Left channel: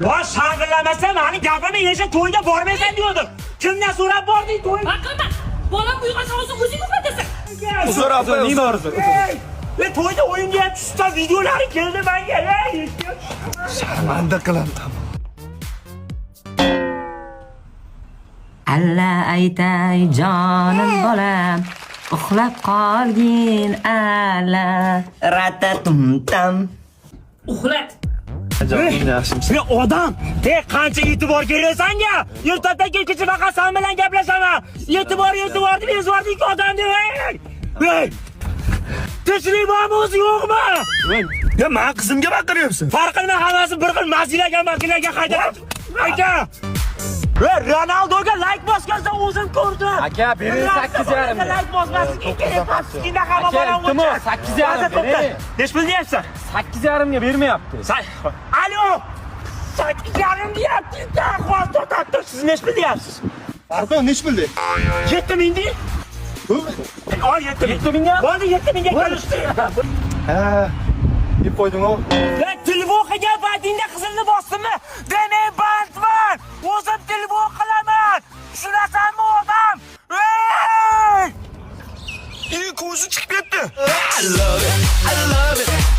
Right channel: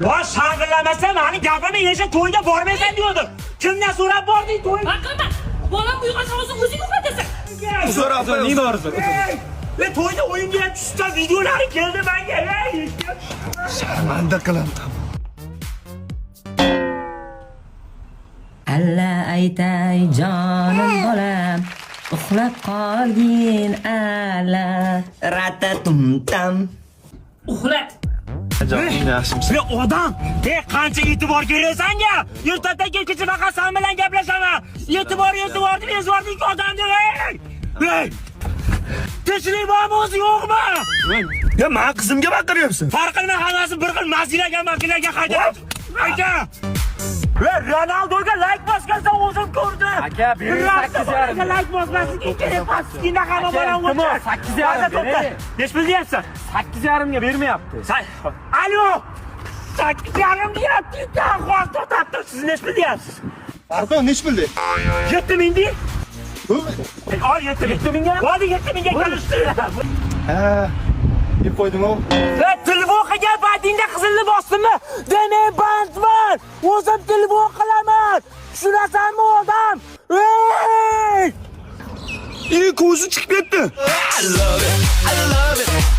Voy shag'illamasa, meni gapimni yesha to'yga bormaysan degandim. Kimdan so'rab bording to'yga? Aqlman. Bolam uyg'onsa o'zing uxlatasan. So'rab nima orzu? To'yda o'yinga ham tushgan videolari keldi menga. Sharmanda qilaman. Alla aytay jonim bolam, uxlab qolgin alla ratatum tam. Uxlat. Sen odam, qancha e'tibor berasan-ya? Ertadan kecha vaqasan bilan gaplashaman. E'tibor deb ezvording odamni. Hey! Tinchlik bormi o'zi yo'qmi? Ya men qizimga baqiryapsan. Farq qilmay hammasi bir xil masinaga qaytarib. Ayta! Ronaldoga like bosgansa o'zim ko'rdim. Aka, bering 8,5. Like bosmasin, ikkina qara bolam. 8,5 Nech pul deyapsan? 8,5 ga bermayapti. Alo! 8,5 deyapti. Qo'l to'xtatdi. Siz nech pul deyapsiz? Pardon, nech puldi? 7,000 deng. Al 7,000 ga. Bo'ldi 7,000 ga kelishdi. Ha, deb qo'yding-ku. Telefon qilgan paytingda qizilni bosdimmi? Demak bandman. O'zim telefon qilaman. Tushunasanmi odam? Ey! Ko'zi chiqib ketdi. I love it.